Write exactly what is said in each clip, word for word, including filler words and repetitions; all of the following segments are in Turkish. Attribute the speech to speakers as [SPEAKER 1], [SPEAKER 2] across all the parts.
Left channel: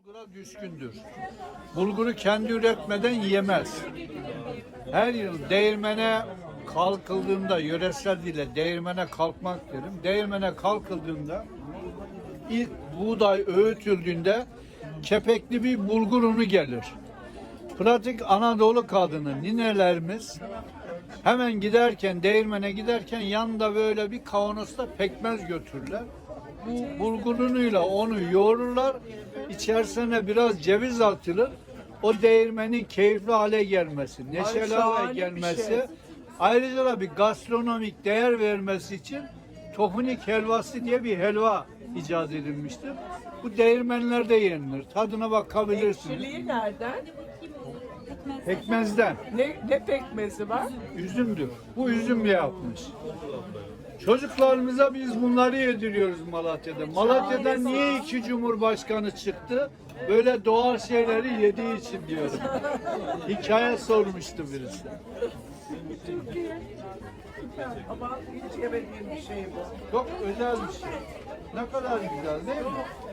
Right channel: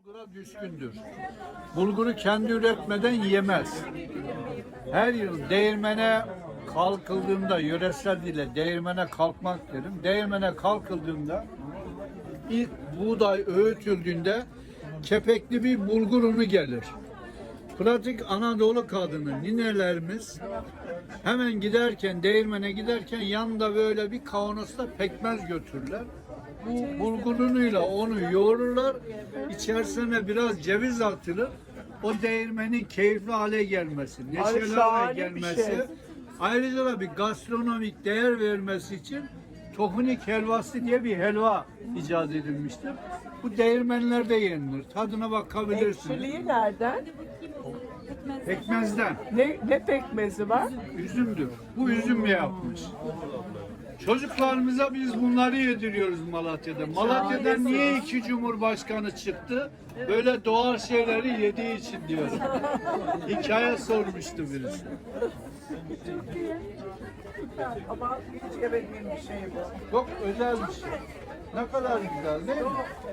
[SPEAKER 1] Bulgura düşkündür. Bulguru kendi üretmeden yiyemez. Her yıl değirmene kalkıldığında, yöresel dile değirmene kalkmak derim. Değirmene kalkıldığında ilk buğday öğütüldüğünde kepekli bir bulgur unu gelir. Pratik Anadolu kadını, ninelerimiz hemen giderken, değirmene giderken yanında böyle bir kavanozda pekmez götürürler. Bu bulgur unuyla onu yoğururlar. İçerisine biraz ceviz atılır. O değirmenin keyifli hale gelmesi, neşeli hale gelmesi, şey. Ayrıca da bir gastronomik değer vermesi için tohunik helvası diye bir helva icat edilmiştir. Bu değirmenlerde yenilir. Tadına bakabilirsiniz.
[SPEAKER 2] Ekşiliği nereden?
[SPEAKER 1] Pekmezden.
[SPEAKER 2] Ne, ne pekmezi var?
[SPEAKER 1] Üzümdür. Bu üzüm yapmış. Çocuklarımıza biz bunları yediriyoruz Malatya'da. Malatya'da niye iki cumhurbaşkanı çıktı? Böyle doğal şeyleri yediği için diyorum. Hikaye sormuştu birisi.
[SPEAKER 2] Türkiye. Süper. Ama hiç yemediğim bir şey bu.
[SPEAKER 1] Çok özel bir şey. Ne kadar güzel değil mi?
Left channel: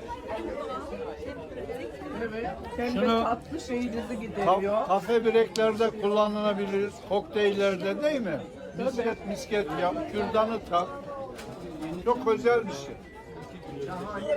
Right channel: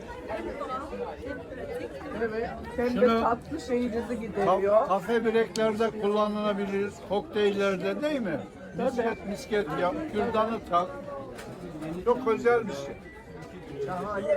[SPEAKER 2] Evet. Hem de
[SPEAKER 1] Şunu-
[SPEAKER 2] tatlı şeyinizi
[SPEAKER 1] Ka-
[SPEAKER 2] gideriyor.
[SPEAKER 1] kafe breklerde kullanılabilir, kokteyllerde değil mi? Misket misket yap, kürdanı tak. Çok özel bir şey.
[SPEAKER 2] Şahane.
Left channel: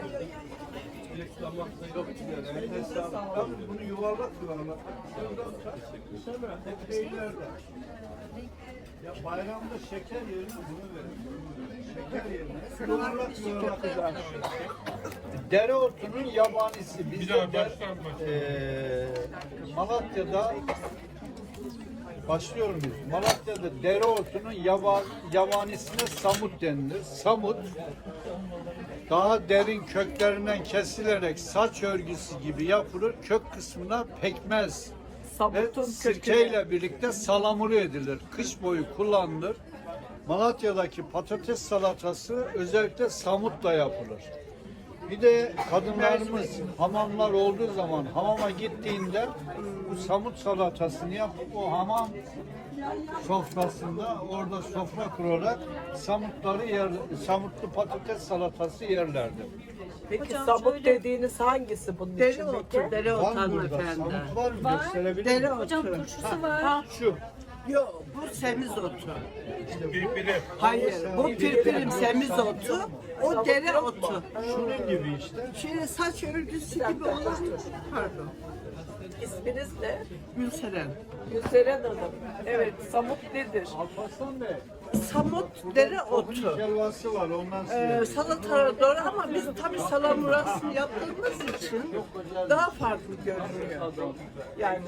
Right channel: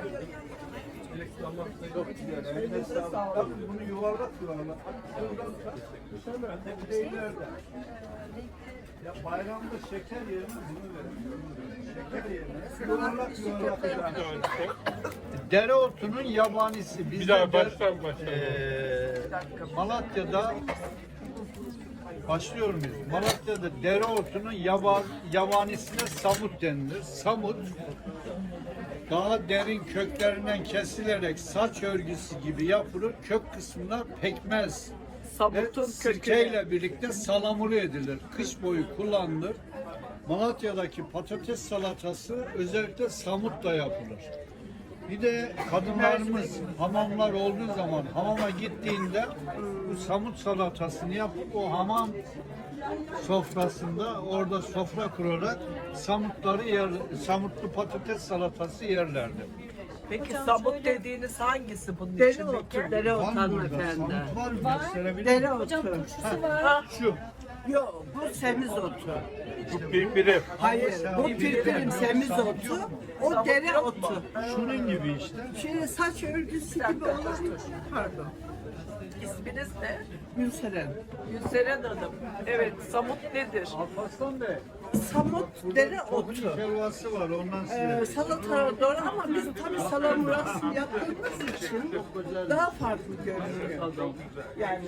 [SPEAKER 1] Çok güzel. Eline sağlık. Tabii bunu yuvarlak yuvarlak. Kürdan tak. Kokteyllerde. Ya bayramda şeker yerine bunu verin. Şeker yerine yuvarlak yuvarlak. yani. Dereotunun yabanisi. Biz
[SPEAKER 3] Bir daha
[SPEAKER 1] de-
[SPEAKER 3] baştan başla.
[SPEAKER 1] Eee, Malatya'da başlıyorum biz. Malatya'da dereotunun yaban, yabanisine samut denilir. Samut daha derin köklerinden kesilerek saç örgüsü gibi yapılır. Kök kısmına pekmez ve
[SPEAKER 2] Samutun kökü.
[SPEAKER 1] sirkeyle birlikte salamuru edilir. Kış boyu kullanılır. Malatya'daki patates salatası özellikle samutla yapılır. Bir de kadınlarımız hamamlar olduğu zaman hamama gittiğinde bu samut salatasını yapıp o hamam sofrasında orada sofra kurarak samutları yer, samutlu patates salatası yerlerdi.
[SPEAKER 2] Peki
[SPEAKER 4] Hocam
[SPEAKER 2] samut
[SPEAKER 4] şöyle-
[SPEAKER 2] dediğiniz hangisi bunun
[SPEAKER 5] Dereotu,
[SPEAKER 2] içindeki?
[SPEAKER 5] dereotu
[SPEAKER 1] Var mı burada?
[SPEAKER 5] hanımefendi.
[SPEAKER 1] Samut var mı? Gösterebilir miyim?
[SPEAKER 5] Dereotu.
[SPEAKER 4] Hocam turşusu var.
[SPEAKER 1] Şu.
[SPEAKER 5] Yok, bu semizotu.
[SPEAKER 3] Birbiri.
[SPEAKER 5] Hayır, bu pirpirim semizotu, o dereotu.
[SPEAKER 1] Şunun gibi işte.
[SPEAKER 5] Şöyle saç örgüsü gibi olan, pardon,
[SPEAKER 2] İsminiz ne?
[SPEAKER 5] Gülseren.
[SPEAKER 2] Gülseren Hanım. Evet, samut nedir?
[SPEAKER 1] Alparslan Bey.
[SPEAKER 5] Samut dereotu.
[SPEAKER 1] Helvası var ondan
[SPEAKER 5] Ee,
[SPEAKER 1] size.
[SPEAKER 5] salata doğru ama biz tabii salamurasını yaptığımız için daha farklı görünüyor. Yani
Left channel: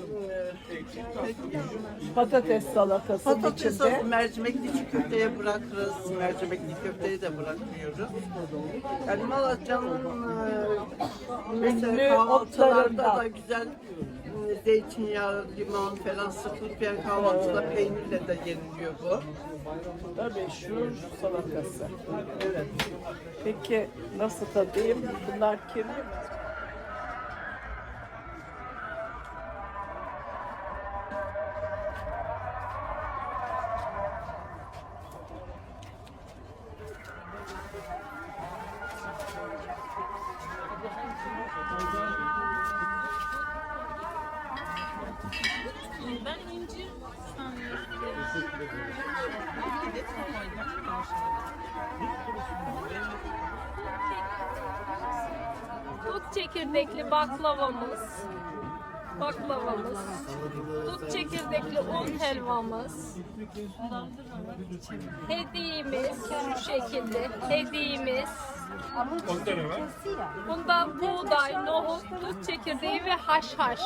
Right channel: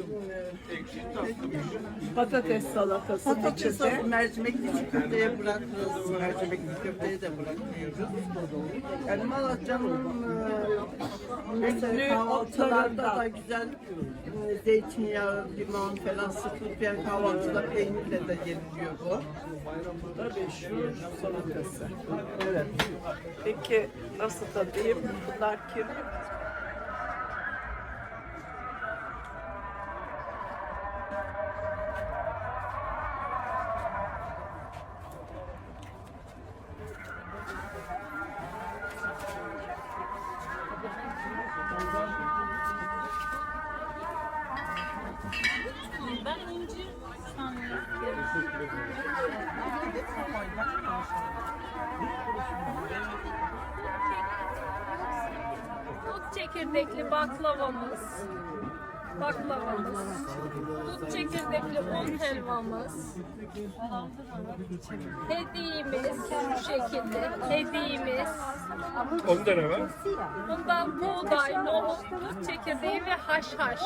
[SPEAKER 5] e,
[SPEAKER 2] Patates salatası
[SPEAKER 5] patates
[SPEAKER 2] içinde.
[SPEAKER 5] sosu mercimekli çiğ köfteye bırakırız, mercimekli köfteye de bırakmıyoruz. Yani Malatya'nın e, mesela
[SPEAKER 2] Ünlü
[SPEAKER 5] kahvaltılarda
[SPEAKER 2] otlarından.
[SPEAKER 5] da güzel e, zeytinyağı, limon falan sıkılıp yani kahvaltıda peynirle de yeniliyor bu.
[SPEAKER 2] Tabii şu salatası.
[SPEAKER 5] Evet.
[SPEAKER 2] Peki nasıl tadayım? Bunlar kim?
[SPEAKER 4] Ben incir Dut çekirdekli baklavamız. Baklavamız. Dut çekirdekli un helvamız. Hediyemiz şu şekilde. Hediyemiz.
[SPEAKER 3] Onda ne var?
[SPEAKER 4] Bundan buğday, nohut, dut çekirdeği ve haşhaş.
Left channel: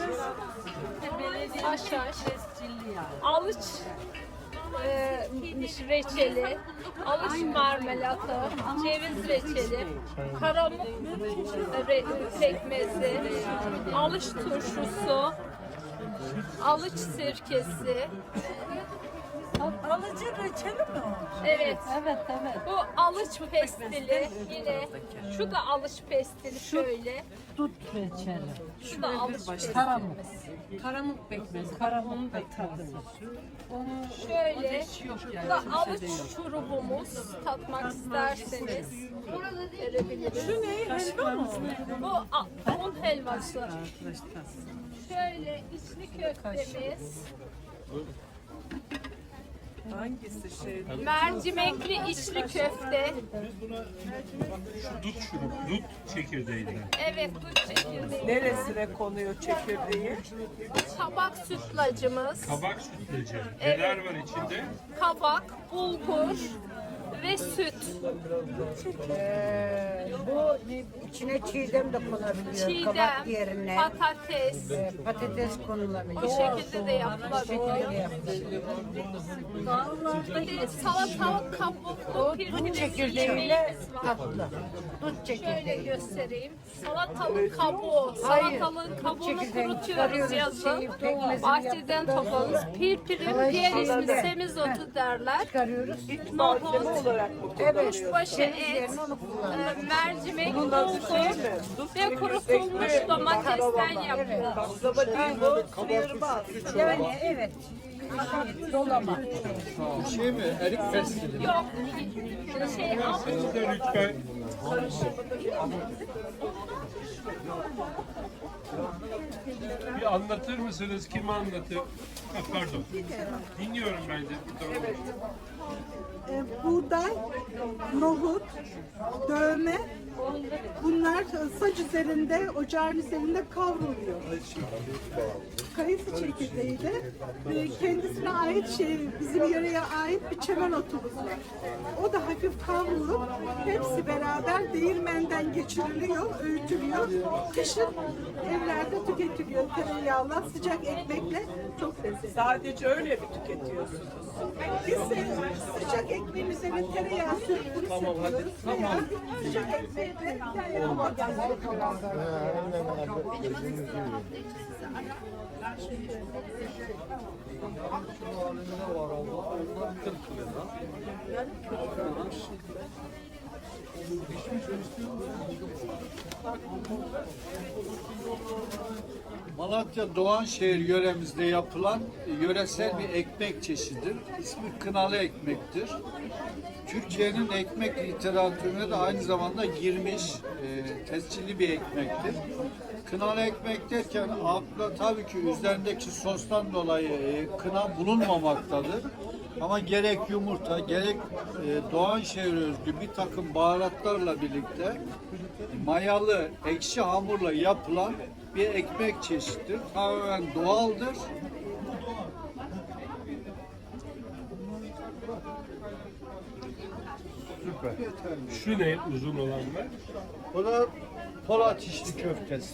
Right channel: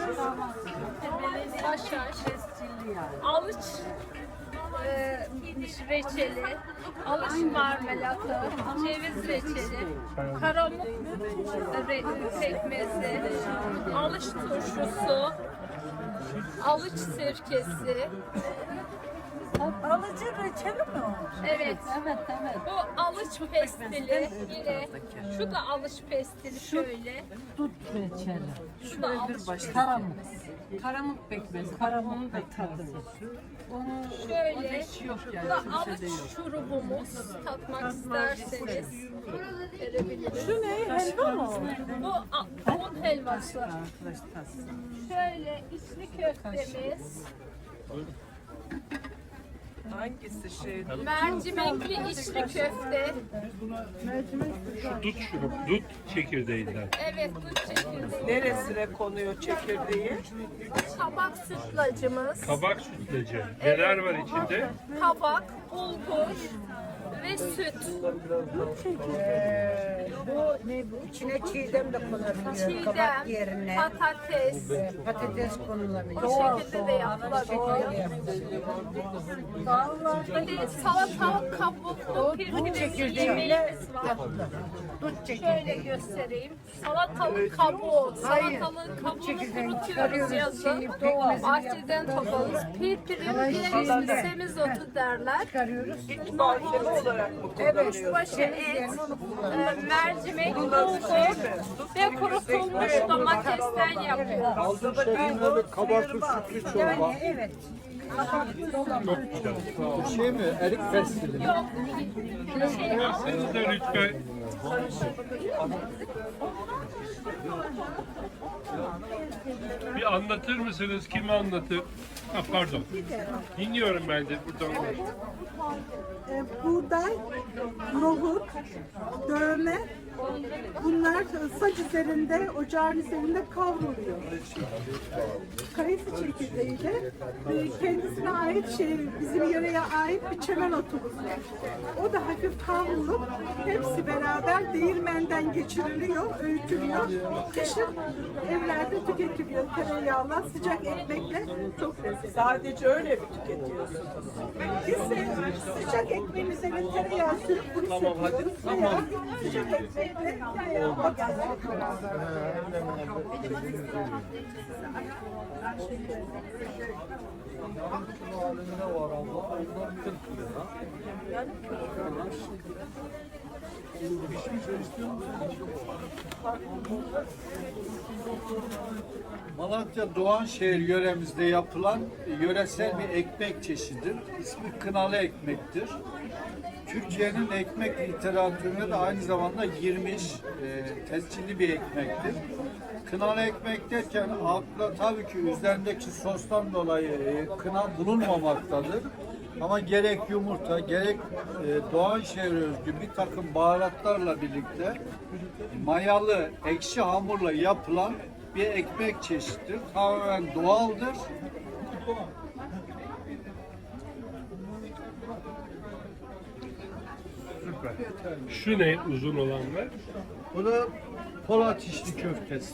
[SPEAKER 4] Haşhaş. Alıç e, reçeli, alıç marmelatı, ceviz reçeli, karamut re- pekmezi, alıç turşusu, alıç sirkesi,
[SPEAKER 2] Alıcı reçeli mi o?
[SPEAKER 4] Evet. Evet, evet. Bu alış pestili yine. Şu da alış pestili şöyle.
[SPEAKER 6] Dut reçeli.
[SPEAKER 4] Şu da alış pestili.
[SPEAKER 6] Karamuk. Karamuk pekmezi. Karamuğun da tadı. Onu
[SPEAKER 4] Şöyle.
[SPEAKER 6] yok
[SPEAKER 4] Bu
[SPEAKER 6] yani.
[SPEAKER 4] da alış şurubumuz. Tatmak isterseniz. Verebiliriz.
[SPEAKER 2] Şu ne? Helva mı?
[SPEAKER 4] Bu a- un helvası.
[SPEAKER 6] Arkadaşlar.
[SPEAKER 4] Şöyle içli köftemiz.
[SPEAKER 2] Hangisi şey?
[SPEAKER 4] Mercimekli içli köfte.
[SPEAKER 3] Şu dut şurup, dut çekirdeğinden.
[SPEAKER 4] Evet, dut çekirdeği.
[SPEAKER 2] Neresine konuyor çekirdeği?
[SPEAKER 4] Kabak sütlacımız.
[SPEAKER 3] Kabak sütlacı. Neler var içinde?
[SPEAKER 4] Kabak, bulgur ve süt.
[SPEAKER 7] Ee, bu içine çiğdem de konabiliyor. Kabak
[SPEAKER 4] Çiğdem,
[SPEAKER 7] yerine
[SPEAKER 4] patates.
[SPEAKER 7] e, patates konulabiliyor.
[SPEAKER 4] O şekilde de yapılabiliyor. Bir de salatalık kabuklu pirpirimiz yemeğimiz var.
[SPEAKER 7] Dut
[SPEAKER 4] Şöyle
[SPEAKER 7] çekirdeği.
[SPEAKER 4] göstereyim. Salatalık kabuğu. Salatalığın kabuğunu kurutuyoruz yazın. Bahçeden toplarız. Pirpirim diğer ismi semizotu derler.
[SPEAKER 7] Çıkarıyoruz.
[SPEAKER 4] Nohut,
[SPEAKER 7] Evet.
[SPEAKER 4] kuşbaşı et, e, mercimek, bulgur ve kurutulmuş domatesten yapıyoruz.
[SPEAKER 7] Yani evet.
[SPEAKER 1] Bu şey mi? Erik pestili.
[SPEAKER 4] Yok, şey,
[SPEAKER 3] Siz de lütfen. Bir anlatır mısınız? Kim anlatır? Ha, pardon. Dinliyorum ben de. Buradan konuş.
[SPEAKER 2] Ee, buğday, nohut, dövme, bunlar saç üzerinde, ocağın üzerinde kavruluyor. Kayısı çekirdeği de e, kendisine ait şey, bizim yöreye ait bir çemen otumuz var. O da hafif kavrulup hepsi beraber değirmenden geçiriliyor, öğütülüyor. Kışın evlerde tüketiliyor tereyağla, sıcak ekmekle, çok lezzetli. Sadece öyle mi tüketiyorsunuz? Biz de sıcak ekmeğin üzerine tereyağı sürüp bunu söküyoruz veya sıcak ekmekle
[SPEAKER 1] halinde var abla. Onlar kırk lira. Malatya Doğanşehir yöremizde yapılan yöresel bir ekmek çeşididir. İsmi kınalı ekmektir. Türkiye'nin ekmek literatürüne de aynı zamanda girmiş e, tescilli bir ekmektir. Kınalı ekmek derken akla tabii ki üzerindeki sostan dolayı e, kına bulunmamaktadır. Ama gerek yumurta, gerek e, Doğanşehir'e özgü bir takım baharatlarla birlikte mayalı, ekşi hamurla yapılan bir ekmek çeşididir. Tamamen doğaldır.
[SPEAKER 3] Süper. Şu ne uzun olanlar?
[SPEAKER 1] Bu da Polat içli köftesi.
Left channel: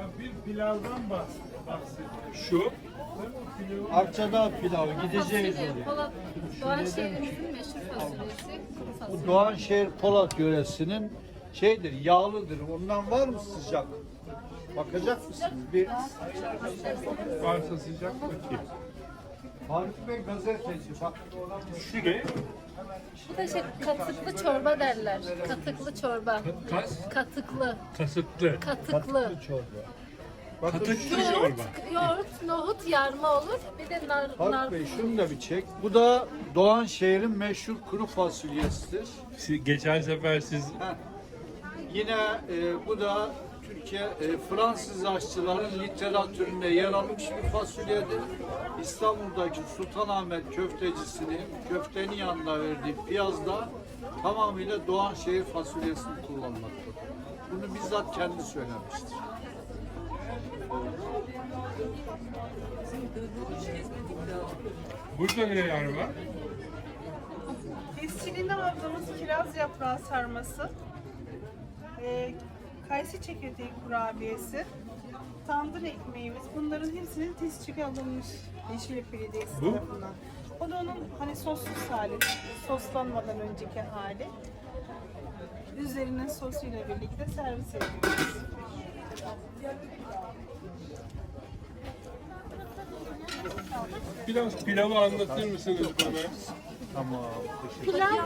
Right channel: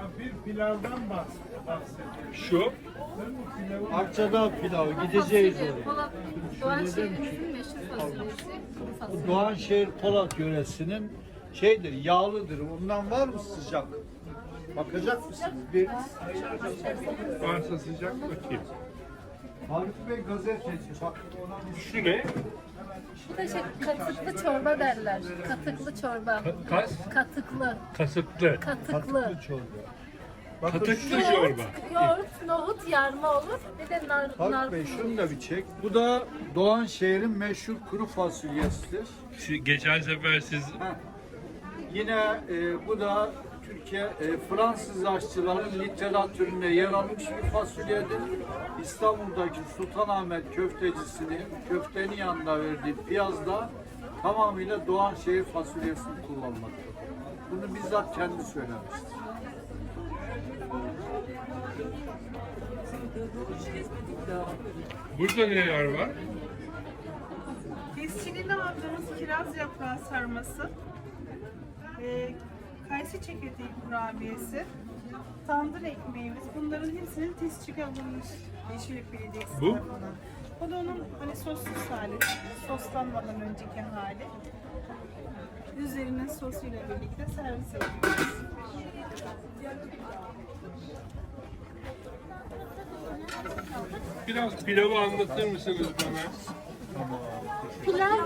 [SPEAKER 3] Şu.
[SPEAKER 1] Akçadağ pilavı gideceğiz.
[SPEAKER 4] Fasulye, Polat, Doğanşehir'imizin meşhur fasulyesi, kuru fasulye.
[SPEAKER 1] Doğanşehir Polat yöresinin şeydir, yağlıdır. Ondan var mı sıcak? Bakacak mısınız? Bir
[SPEAKER 3] Varsa sıcak bakayım.
[SPEAKER 1] Faruk Bey gazeteci. Bak.
[SPEAKER 3] Şu ne?
[SPEAKER 4] Bu da şey, katıklı çorba derler. Katıklı çorba.
[SPEAKER 3] Ka- Kas.
[SPEAKER 4] Katıklı,
[SPEAKER 3] Kasıklı.
[SPEAKER 4] katıklı.
[SPEAKER 3] Katıklı
[SPEAKER 4] Yoğurt,
[SPEAKER 3] çorba.
[SPEAKER 4] yoğurt, nohut yarma olur. Bir de nar, nar.
[SPEAKER 1] Faruk Bey şunu da bir çek. Bu da Doğanşehir'in meşhur kuru fasulyesidir.
[SPEAKER 3] Siz- Geçen sefer siz
[SPEAKER 1] Heh. Yine e, bu da Türkiye e, Fransız aşçıların literatüründe yer almış bir fasulyedir. İstanbul'daki Sultanahmet köftecisinin köftenin yanında verdiği piyazda tamamıyla Doğanşehir fasulyesini kullanmaktadır. Bunu bizzat kendi söylemiştir.
[SPEAKER 3] burada neler var?
[SPEAKER 8] Tescilini aldığımız kiraz yaprağı sarması, e, kayısı çekirdeği kurabiyesi, tandır ekmeğimiz, bunların hepsinin tescili alınmış Yeşillik Belediyesi
[SPEAKER 3] Bu?
[SPEAKER 8] tarafından. O da onun hani sossuz hali, soslanmadan önceki hali. Üzerinin sosuyla birlikte servis ediyoruz.
[SPEAKER 3] Biraz pilavı anlatır mısınız bana?
[SPEAKER 1] Ama
[SPEAKER 9] Pilav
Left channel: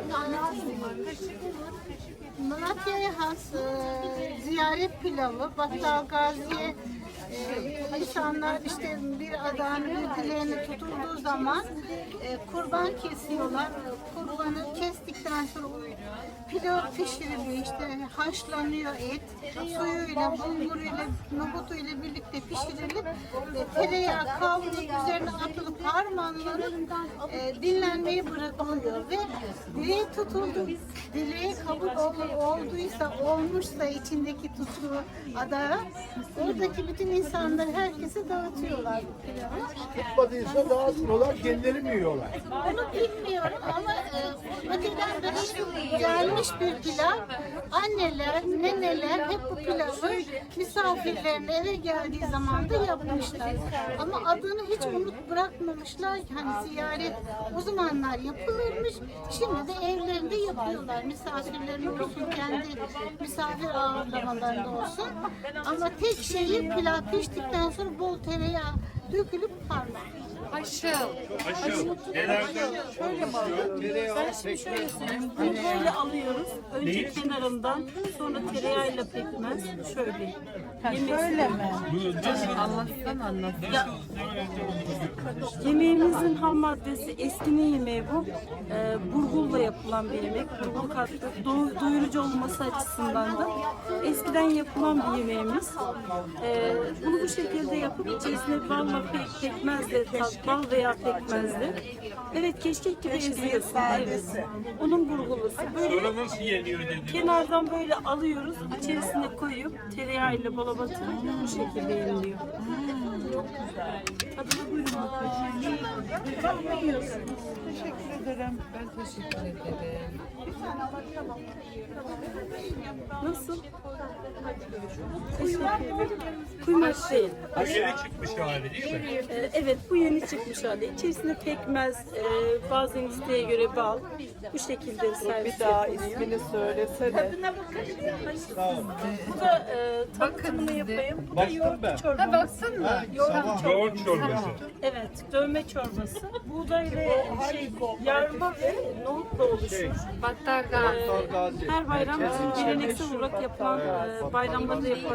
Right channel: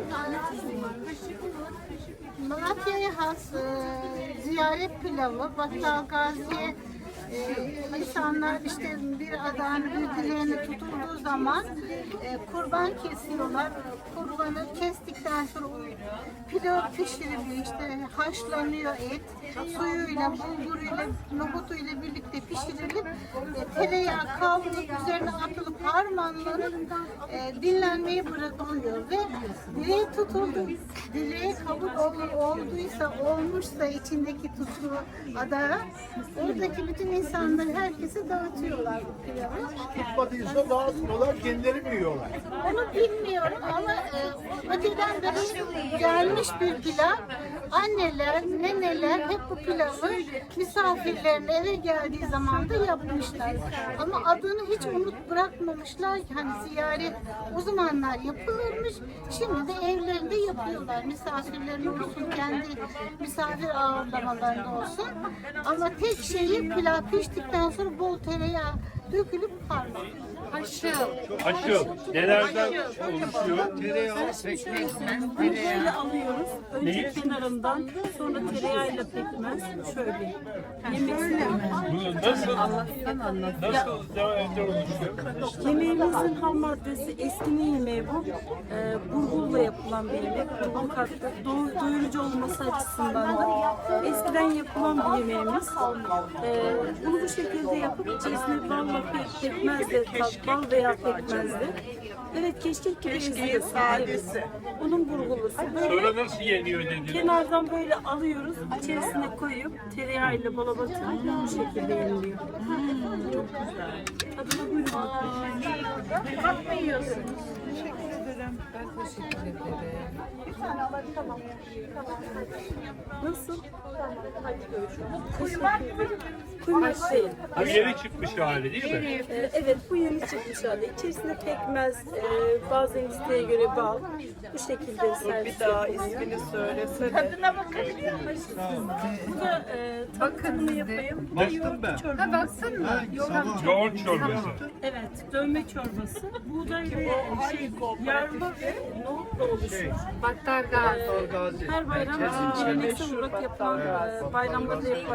[SPEAKER 9] Malatya'ya has e, ziyaret pilavı. Battal Gazi'ye e, insanlar işte bir adağını, bir dileğini tutulduğu zaman e, kurban kesiyorlar. Kurbanı kestikten sonra pilav pişiriliyor, işte haşlanıyor et, suyuyla, bulguruyla, nohutuyla birlikte pişirilip e, tereyağı kavrulup üzerine atılıp harmanlanıp e, dinlenmeye bırakılıyor ve dileği tutuldu, dileği kabul ol- olduysa, olmuşsa içindeki tutulu adağa, oradaki bütün insanları, herkese dağıtıyorlar bu pilavı.
[SPEAKER 1] tutmadıysa dağıtmıyorlar, kendileri mi yiyorlar?
[SPEAKER 9] Onu bilmiyorum ama e, o öteden beri gelmiş bir pilav. Anneler, neneler hep bu pilavı misafirlerine eve geldiği zaman da yapmışlar. Ama adını hiç unut bırakmamışlar ki, hani ziyaret o zamanlar yapılırmış. Şimdi de evlerinde yapıyorlar. Misafirlerin olsun, kendi misafir ağırlamalarında olsun. Ama tek şeyi pilav piştikten sonra bol tereyağı dökülüp harman.
[SPEAKER 6] Haşıl.
[SPEAKER 3] Aşıl. Nelerden oluşuyor?
[SPEAKER 8] Bunu böyle alıyoruz. Önce
[SPEAKER 3] Neyi?
[SPEAKER 8] kenarından, sonra tereyağıyla pekmez. Şöyle. Şöyle mi?
[SPEAKER 3] Bu nasıl?
[SPEAKER 6] Allah'tan anlat.
[SPEAKER 3] Nasıl nereden oluşuyor?
[SPEAKER 8] Yemeğimizin ham maddesi, eskinin yemeği bu. Ee, burgulla yapılan bir yemek. Burgul katkı, do- doyurucu olması açısından da eskiden yapılan bir yemeğimiz. Ee, bunu bu şekilde yapıp içerisine balla pe- pekmezle, tat- bal veya pekmezle. Evet, keşkek gibi eziyorsun. Evet. Onun burgulusu. Böyle
[SPEAKER 3] Sonra nasıl yeniyor dediniz?
[SPEAKER 8] kenardan böyle alıyoruz, içerisine koyup tereyağıyla bala batırıp bu şekilde yeniliyor. Çok güzel. Tadına buyurun bakalım. Teşekkür ederim.
[SPEAKER 6] Ben teşekkür ederim.
[SPEAKER 8] Nasıl? Teşekkür ederim. Kuymak değil.
[SPEAKER 3] Bu yeni çıkmış hali değil mi?
[SPEAKER 8] Ee, Evet, bu yeni çıkmış hali. İçerisine pekmez, e, bazen isteğe göre bal. Bu şekilde servis yapılıyor.
[SPEAKER 5] İsmini söylesene.
[SPEAKER 8] Bu da e, tanıtımını yapayım. Bu da yoğurt çorbası.
[SPEAKER 6] Ha baksana.
[SPEAKER 3] Yoğurt çorbası.
[SPEAKER 8] Evet, dövme çorbası. Buğday ve şey, yarma ve nohutla oluşuyor.
[SPEAKER 6] Battal Gazi.
[SPEAKER 8] Ee, Her bayram bizim geleneksel olarak yapılan, e, bayramlarda yapılan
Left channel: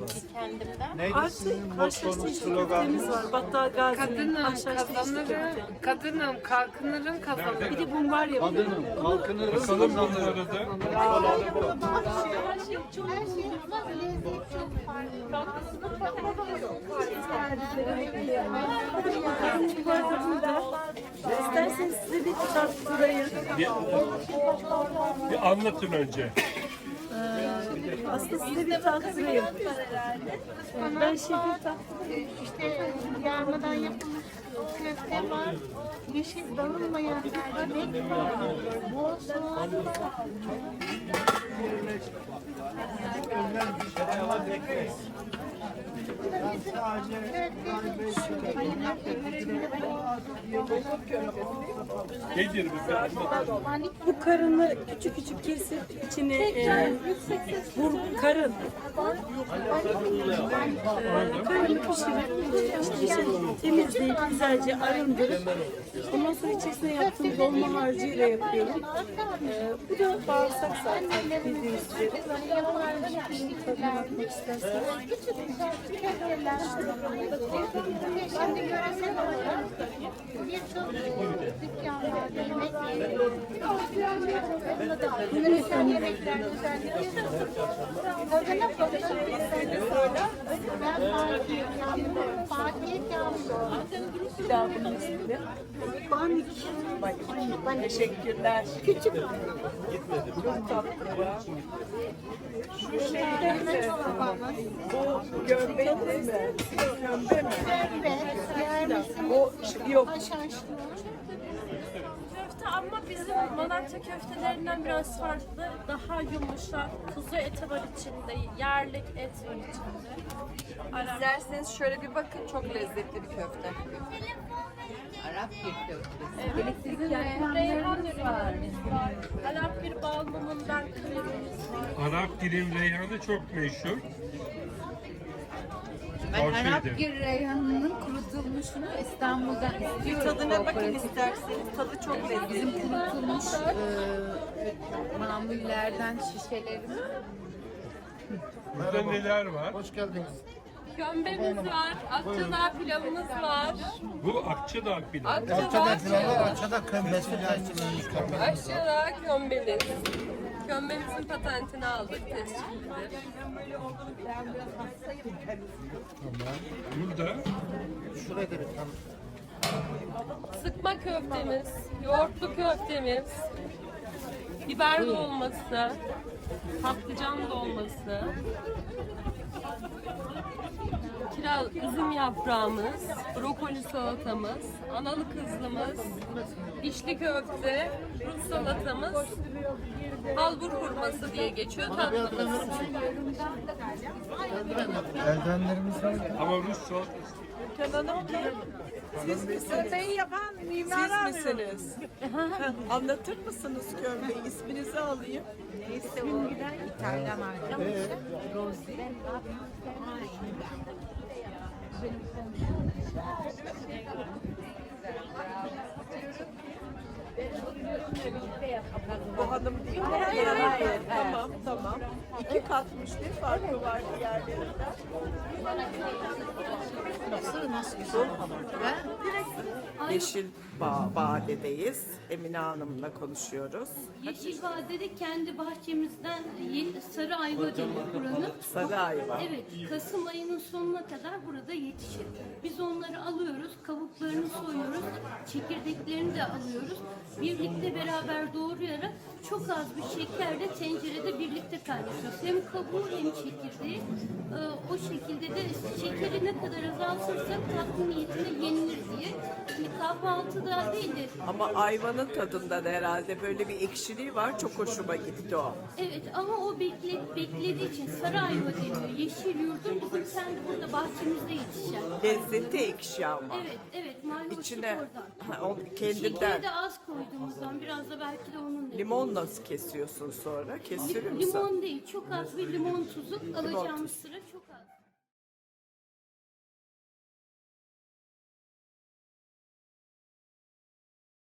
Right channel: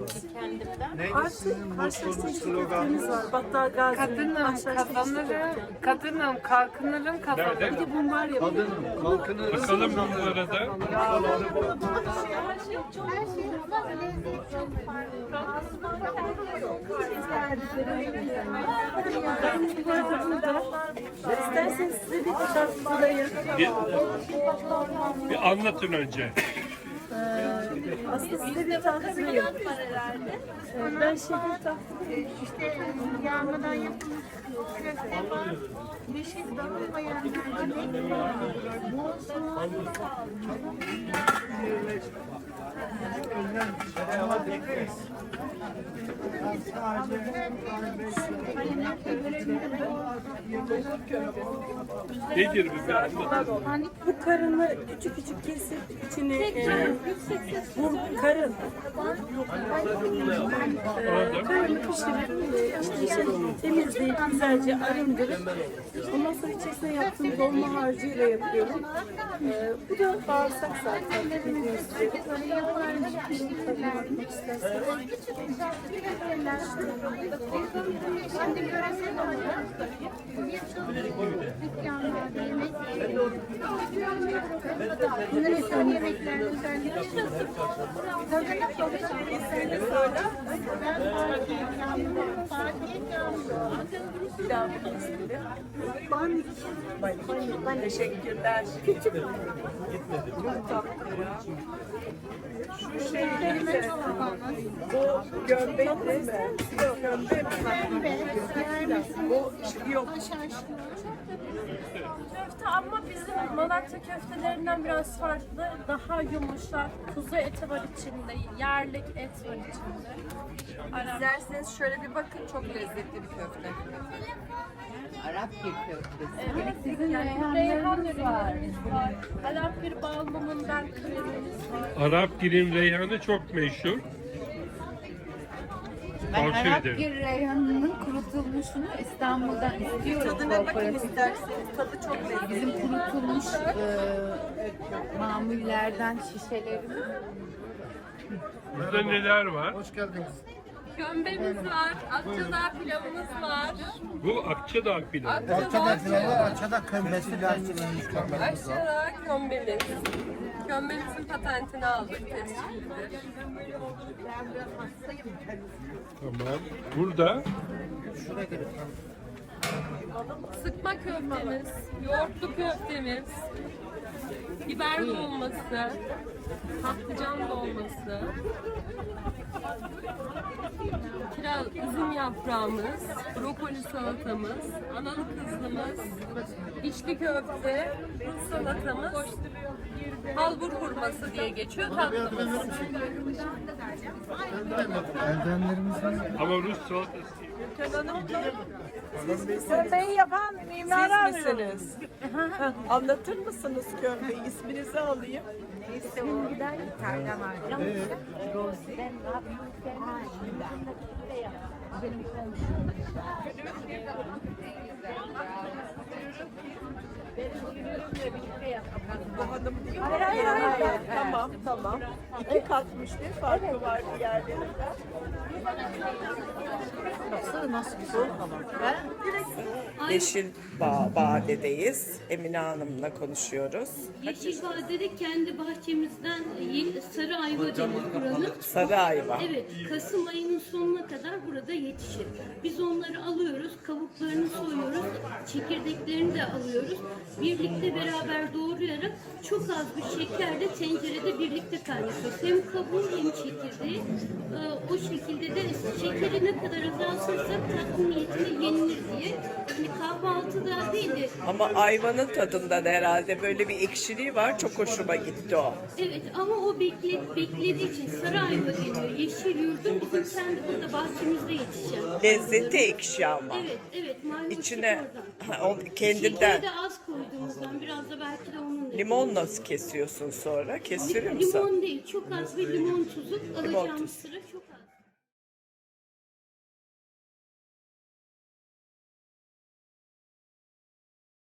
[SPEAKER 8] artık karşılaştığımız köftemiz var. Battal Gazi'nin
[SPEAKER 6] Kadınım
[SPEAKER 8] karşılaştığımız
[SPEAKER 6] kazanırım.
[SPEAKER 8] köfte.
[SPEAKER 6] Kadınım kalkınırım
[SPEAKER 8] Bir
[SPEAKER 6] kazanırım.
[SPEAKER 8] de bumbar yapıyor. Bunu
[SPEAKER 3] Bakalım bunlara da.
[SPEAKER 9] Her şey ama lezzet çok
[SPEAKER 8] karın var da burada. İsterseniz size de bir tattırayım.
[SPEAKER 3] Bir, bir anlatın önce.
[SPEAKER 8] Ee, aslında size bir tattırayım. Ee, ben şehir tattırayım.
[SPEAKER 9] işte yarmadan yapılan köfte var. Yeşil dağılmayan mercimek var. Bol soğan.
[SPEAKER 3] Nedir bu bir anlatın.
[SPEAKER 8] Bu karını küçük küçük kesip içine e, bu karın e, karını pişirip e, işte şey, temizleyip güzelce arındırıp ondan sonra içerisine yaptığım dolma harcıyla yapıyorum. E, bu da bağırsak zaten bildiğiniz üzere. Şimdi tadına bakmak isterseniz.
[SPEAKER 9] Şimdi göresel olarak birçok dükkanlarda yemek yöresel yemekler özellikle tadına konuşan sonra ben Fatih Kamil, Fatih Kamil.
[SPEAKER 8] Banik. Banik.
[SPEAKER 5] Teşekkürler.
[SPEAKER 8] Küçük.
[SPEAKER 9] Dövme çorbamız.
[SPEAKER 5] Gömlek mi? Gömlek mi?
[SPEAKER 9] Evet,
[SPEAKER 5] Bu yok.
[SPEAKER 9] haşhaşlı.
[SPEAKER 10] Köfte ama bizim Malatya köftelerinden biraz farklı. Daha yumuşak, kuzu eti var içinde, yerlik et var içinde. Arap.
[SPEAKER 6] İsterseniz şöyle bir bakın, çok lezzetli bir köfte.
[SPEAKER 10] Evet, sizin reyhan ürünlerimiz var. Arap bir bal mumundan kremimiz var.
[SPEAKER 3] Arap girim reyhanı çok meşhur. Tavsiye ederim.
[SPEAKER 7] Reyhan'ın kurutucu
[SPEAKER 6] kurutulmuşunu İstanbul'dan istiyoruz.
[SPEAKER 8] Tadına bakın isterseniz. Tadı çok lezzetli.
[SPEAKER 6] Bizim kurutulmuş e, mamullerden şişelerimiz.
[SPEAKER 3] Burada neler var?
[SPEAKER 10] Kömbemiz var, Akçadağ pilavımız var.
[SPEAKER 3] Bu Akçadağ pilavı.
[SPEAKER 10] Akçadağ pilavı,
[SPEAKER 5] Açada kömbesi
[SPEAKER 10] Akçadağ kömbemiz. Kömbemizin patentini aldık, tescillidir.
[SPEAKER 3] Tamam. Burada
[SPEAKER 10] Sıkma köftemiz, yoğurtlu köftemiz, biber dolması, patlıcan dolması, kiraz, üzüm yaprağımız, brokoli salatamız, analı kızlımız, içli köfte, Rus salatamız, halbur hurması diye geçiyor tatlımız.
[SPEAKER 3] ama Rus salatası.
[SPEAKER 2] Kömbeyi yapan mimar Siz misiniz? Anlatır mısınız kömbeyi? İsminizi alayım.
[SPEAKER 9] Neyse o İtalyan arkadaşı. Rosie.
[SPEAKER 2] Bu hanım değil mi? Hayır, hayır, hayır. Tamam, tamam. İki katmış ne farkı var yani?
[SPEAKER 5] Yeşil Bağ, Bade'deyiz. Emine Hanım'la konuşuyoruz.
[SPEAKER 8] Yeşil Vadede kendi bahçemizden değil, sarı ayva denir buranın.
[SPEAKER 5] Sarı ayva.
[SPEAKER 8] Evet, Kasım ayının sonuna kadar burada yetişir. Biz onları alıyoruz, kabuklarını soyuyoruz, çekirdeklerini de alıyoruz. Birlikte beraber doğrayarak çok az bir şekerle tencerede birlikte kaynatıyoruz. Hem kabuğu hem çekirdeği. Ee, o şekilde de şekeri ne kadar azaltırsak tatlı niyetine yenilir diye. Yani kahvaltıda değil de
[SPEAKER 5] Ama ayvanın tadında da herhalde böyle bir ekşiliği var. Çok hoşuma gitti o.
[SPEAKER 8] evet, ama o bekle, beklediği için sarı ayva deniyor. Yeşil yurdum bugün sen de burada bahçemizde yetişeceksin.
[SPEAKER 5] Lezzeti ekşi ama.
[SPEAKER 8] Evet, evet. Mayhoşluk
[SPEAKER 5] İçine
[SPEAKER 8] oradan.
[SPEAKER 5] ha, o kendinden.
[SPEAKER 8] Şekeri de az koyduğumuzdan biraz da belki de onun da.
[SPEAKER 5] Limon nasıl kesiyorsun sonra? Kestirir misin?
[SPEAKER 8] Limon değil, çok az bir limon tuzu.
[SPEAKER 5] Limon
[SPEAKER 8] Alacağımız
[SPEAKER 5] tuzu.
[SPEAKER 8] sıra çok az.